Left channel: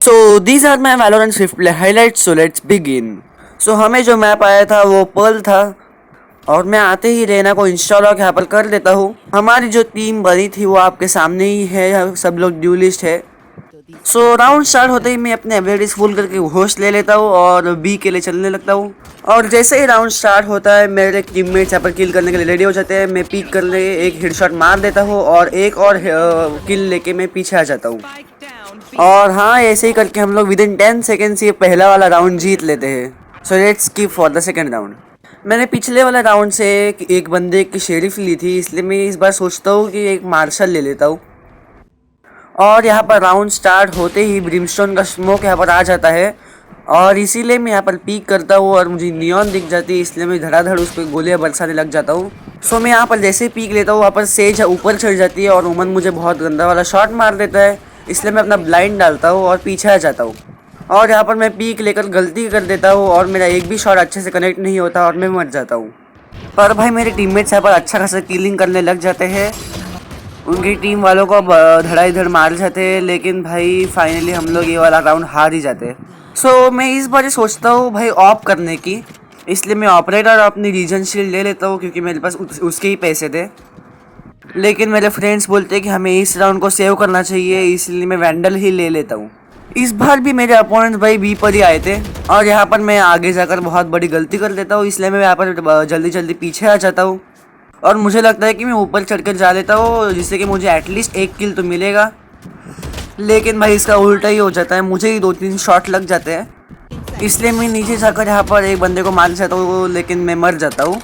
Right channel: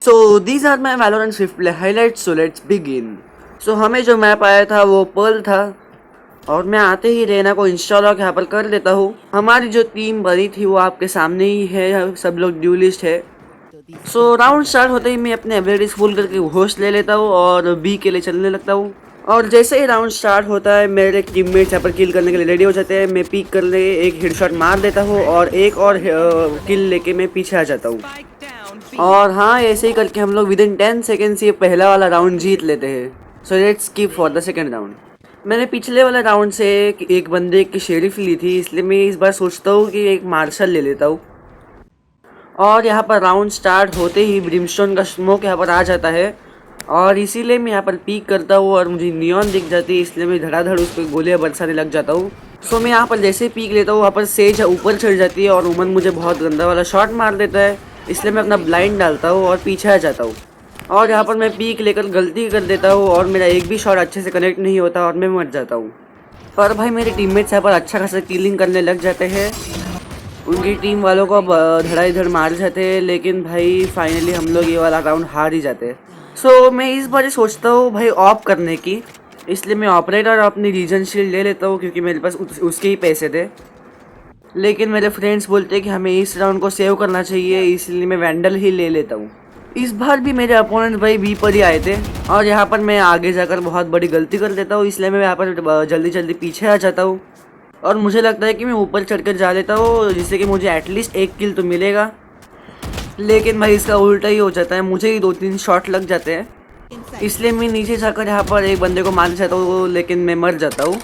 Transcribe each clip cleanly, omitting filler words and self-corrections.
So these are my Valorant Swift play highlights. So let's begin. So हमें जो map आया था वो पर्ल था और मैं आते ही रेना को इंस्टॉल यहाँ पर कर देता हूँ। हमारी जो टीम बनी थी वो आपके सामने ही है, सब लोग ड्यूलिस्ट है। सो राउंड स्टार्ट होते ही मैं अपने एबिलिटीज फुल करके होस्ट ले लेता हूँ और बी के लिए चलने लगता हूँ। और जैसे ही राउंड स्टार्ट होता है मेरे टीममेट्स यहाँ पर किल करने के लिए रेडी हो जाते हैं। मैं पीक कर ले एक हेडशॉट मार देता हूँ और एक और किल लेके मैं पीछे आ जाता हूँ। और हाँ, ऐसे ही करके हम लोग विद इन 10 सेकेंड्स ये पहला वाला राउंड जीत लेते हैं। So let's skip for the second round. मैंने पिछले वाला राउंड से एक बंदे की शेरिफ ली थी, इसलिए मैं इस बार सोचता हूँ कि एक मार्शल ले लेता हूँ। और यहाँ पर राउंड स्टार्ट होते ही ब्रिमस्टोन का स्मोक यहाँ पर आ जाता है और इसीलिए मैं यहाँ पर पीक करता हूँ और मुझे नियॉन दिख जाती है, इसलिए मैं धड़ाधड़ उस पर गोलियाँ बरसाने लग जाता हूँ। सो मैं यहाँ पर जैसे पीक लेता हूँ वहाँ पर सेज ऊपर चढ़ जाती है और उमन मुझे बहुत गंदा वाला शॉट मार देता है, इसलिए मैं अपना ब्लाइंड डालता हूँ और पीछे आ जाता हूँ। और यहाँ पर मैं पीक लेकर गलती कर देता हूँ और मेरा एक भी शॉट अच्छे से कनेक्ट नहीं होता और मैं मर जाता हूँ। पर भाई मेरे टीममेट्स यहाँ पर अच्छा खासा किलिंग करने लग जाते हैं, उनकी टीम वालों को धड़ा इधर मार जाते हैं, लेकिन भाई फाइनली हम लोग ये वाला राउंड हार ही जाते हैं। सो मैं इस बार सोचता हूँ भाई ऑप करने की, इसलिए मैं ऑपरेटर अपनी रीजन शील्ड ले लेता हूँ क्योंकि मेरे पास उसके ही पैसे थे। लेकिन मेरे फ्रेंड्स बोलते हैं कि हमें इस राउंड को सेव करना चाहिए, इसलिए मैं वैंडल ही ले लेता हूँ। इस बार भी मेरे अपोनेंट भाई बी पर ही आए थे और यहाँ पर मैं आगे जाकर बहुत बड़ी गलती कर देता हूँ, इसलिए मैं यहाँ पर जल्दी जल्दी पीछे आ जाता हूँ और मुझे लगता है कि मैं ऊपर चढ़कर जा लेता हूँ जिससे कि मुझे एटलीस्ट एक किल तो मिलेगा। लेकिन भाई इसका उल्टा ही हो जाता है, मुझे ही 2-3 शॉट लग जाते हैं, इसलिए मैं नीचे जाकर यहाँ पर एक बंदे को मार जाता हूँ, लेकिन मैं मर जाता हूँ।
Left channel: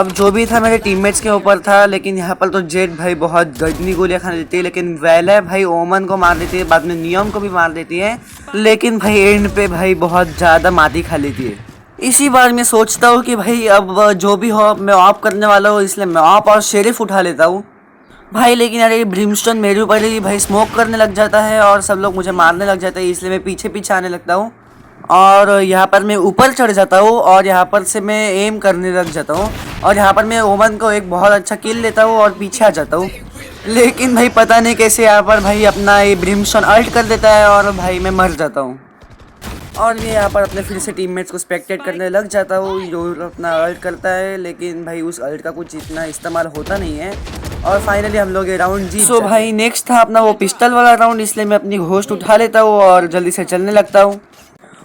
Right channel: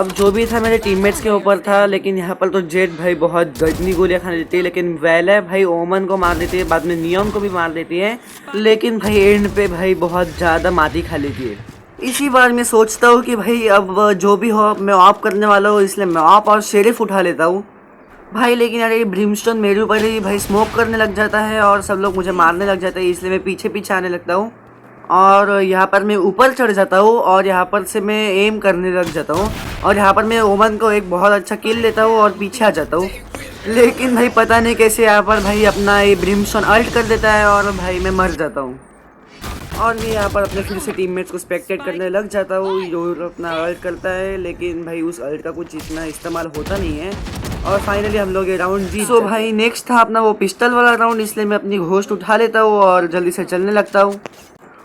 अब जो भी था मेरे टीममेट्स के ऊपर था, लेकिन यहाँ पर तो जेट भाई बहुत गजनी गोलियाँ खा लेती है, लेकिन वैला भाई ओमन को मार देती है, बाद में नियॉन को भी मार देती है, लेकिन भाई एंड पे भाई बहुत ज़्यादा माती खा लेती है। इसी बार मैं सोचता हूँ कि भाई अब जो भी हो मैं ऑफ करने वाला हूँ, इसलिए मैं ऑफ और शेरिफ उठा लेता हूँ भाई। लेकिन यार ये ब्रिमस्टोन मेरे ऊपर ही भाई स्मोक करने लग जाता है और सब लोग मुझे मारने लग जाते हैं, इसलिए मैं पीछे पीछे आने लगता हूँ और यहाँ पर मैं ऊपर चढ़ जाता हूँ और यहाँ पर से मैं एम करने लग जाता हूँ और यहाँ पर मैं ओमन को एक बहुत अच्छा किल लेता हूँ और पीछे आ जाता हूँ। लेकिन भाई पता नहीं कैसे यहाँ पर भाई अपना ये ब्रिमस्टोन अल्ट कर देता है और भाई मैं मर जाता हूँ। और मैं यहाँ पर अपने फिर से टीममेट्स को स्पेक्टेट करने लग जाता हूँ जो अपना अल्ट करता है, लेकिन भाई उस अल्ट का कुछ इतना इस्तेमाल होता नहीं है और फाइनली हम लोग ये राउंड जीत। सो भाई नेक्स्ट था अपना वो पिस्टल वाला राउंड, इसलिए मैं अपनी घोस्ट उठा लेता हूँ और जल्दी से चलने लगता हूँ।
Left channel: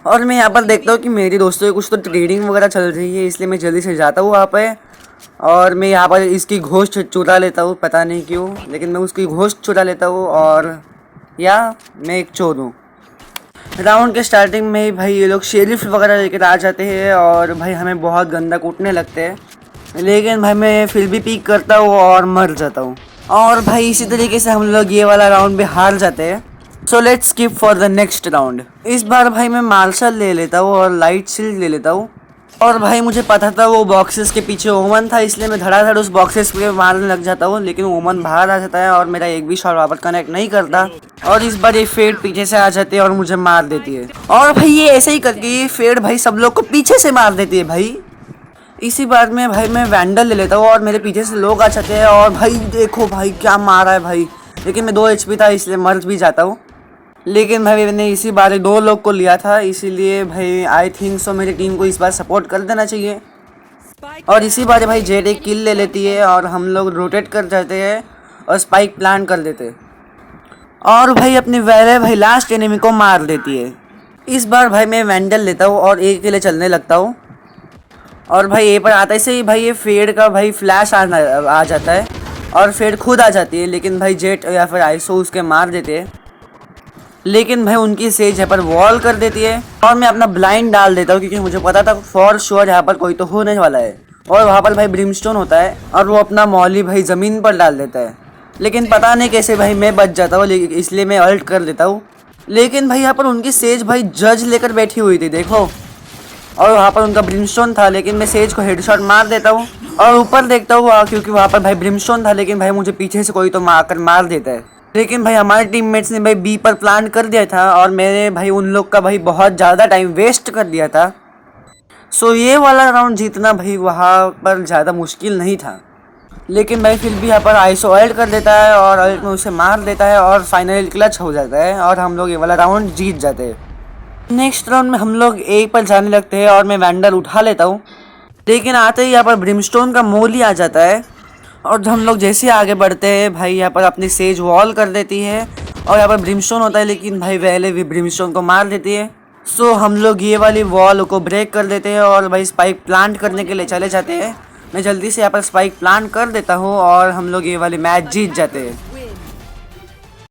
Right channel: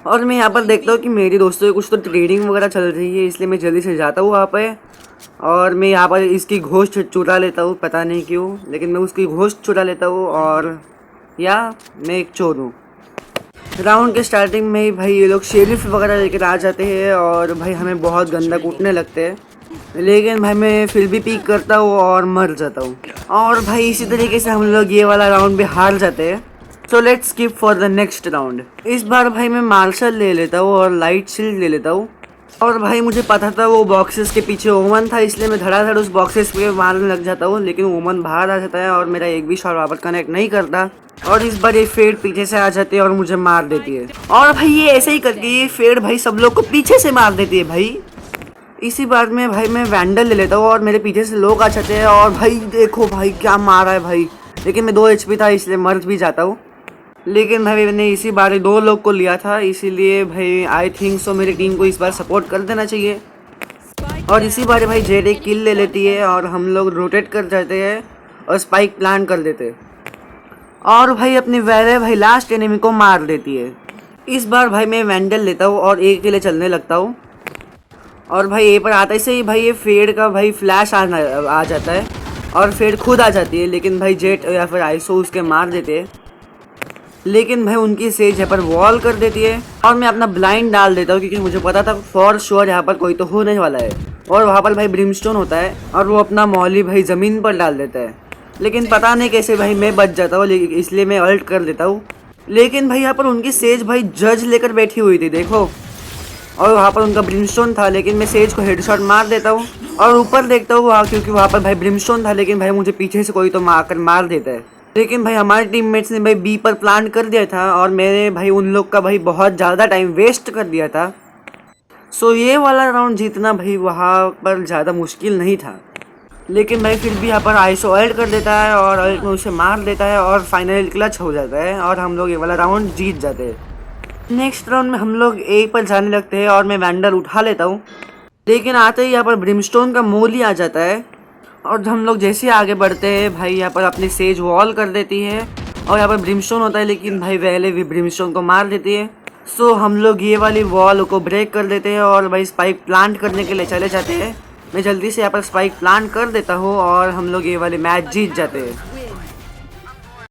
और मैं यहाँ पर देखता हूँ कि मेरी दोस्तों की कुछ तो ट्रेडिंग वगैरह चल रही है, इसलिए मैं जल्दी से जाता हूँ वहाँ पे और मैं यहाँ पर इसकी घोस्ट चुरा लेता हूँ, पता नहीं क्यों, लेकिन मैं उसकी घोस्ट चुरा लेता हूँ और या मैं एक चोर हूँ। राउंड के स्टार्टिंग में ही भाई ये लोग शेरिफ वगैरह लेकर आ जाते हैं और भाई हमें बहुत गंदा कूटने लगते हैं, लेकिन भाई मैं फिर भी पीक करता हूँ और मर जाता हूँ और भाई इसी तरीके से हम लोग ये वाला राउंड भी हार जाते हैं। So let's skip for the next round. इस बार भाई मैं मार्शल ले लेता हूँ और लाइट शील्ड ले लेता हूँ और भाई मुझे पता था वो बॉक्सेस के पीछे ओमन था, इसलिए मैं धड़ाधड़ उस बॉक्सेस पे मारने लग जाता हूँ, लेकिन ओमन बाहर आ जाता है और मेरा एक भी शॉट वापस कनेक्ट नहीं करता और इस बार ये फेड पीछे से आ जाती है और मुझे मार देती है। और भाई ये ऐसे ही करके ये फेड भाई सब लोग को पीछे से मार देती है भाई। इसी बार में भाई मैं वैंडल ले लेता हूँ और मेरे पीछे से लोग आ जाते हैं और भाई देखो भाई क्या मारा है भाई, लेकिन मैं 2 HP था इसलिए मर भी जाता हूँ। लेकिन भाई मैंने इसी बार 2 लोग को लिया था, इसीलिए भाई आई थिंक सो मेरी टीम को इस बार सपोर्ट कर देना चाहिए। और इसी बार भाई जेड एक किल ले लेती है और हम लोग रोटेट कर जाते हैं और स्पाइक प्लान कर देते हैं और भाई अपनी वैले भाई लास्ट एनिमी को मार देती है। इस बार भाई मैं वैंडल लेता हूँ और एक के लिए चलने लगता हूँ और भाई ए पर आते से ही भाई ये फेड का भाई फ्लैश आ जाता है और फेड खुद आ जाती है, लेकिन भाई जेट या फिर आइसो उसके मार देते हैं, लेकिन भाई उनकी सेज यहाँ पर वॉल कर देती है और मैं अपना ब्लाइंड डाल देता हूँ क्योंकि मुझे पता था फॉर श्योर यहाँ पर कोई तो होने वाला है। और वहाँ पर भाई ब्रिमस्टोन होता है और वो अपना मॉली भाई ज़मीन पर डाल देता है, लेकिन पता नहीं कैसे भाई मैं बच जाता हूँ, इसलिए मैं अल्ट कर देता हूँ। लेकिन भाई यहाँ पर उनकी सेज भाई जज लेकर बैठी हुई थी देखो, और वहाँ पर उनका ब्रिमस्टोन था, लेकिन मैं सेज को हेडशॉट मार देता हूँ और ऊपर देखता हूँ क्योंकि वहाँ पर भाई ब्रिमस्टोन था, लेकिन भाई मुझे पीछे से कोई तो मार देता है। लेकिन भाई हमारे टीममेट्स ने भाई बी पर प्लान कर दिया था और मैंने भाई उन लोग का भाई बहुत ज़्यादा टाइम वेस्ट कर दिया था। सो ये वाला राउंड जीतना भाई वहाँ पर ज़्यादा मुश्किल नहीं था। लेकिन भाई फिर भी यहाँ पर आइसो अल्ट कर देता है और अल्ट में उसे मार देता है और फाइनली क्लच हो जाता है और हम लोग ये वाला राउंड जीत जाते हैं। नेक्स्ट राउंड में हम लोग ए पर जाने लगते हैं और मैं वैंडल उठा लेता हूँ, लेकिन आते ही यहाँ पर ब्रिमस्टोन का मोल ही आ जाता है और जब हम लोग जैसे ही आगे बढ़ते हैं भाई यहाँ पर अपनी सेज वॉल कर देती है और यहाँ पर ब्रिमस्टोन होता है, लेकिन भाई पहले भी ब्रिमस्टोन को मार देती है। सो हम लोग ये वाली वॉल को ब्रेक कर देते हैं और भाई स्पाइक प्लांट करने के लिए चले जाते हैं। मैं जल्दी से यहाँ पर स्पाइक प्लांट कर देता हूँ और हम लोग ये वाली मैच जीत जाते हैं।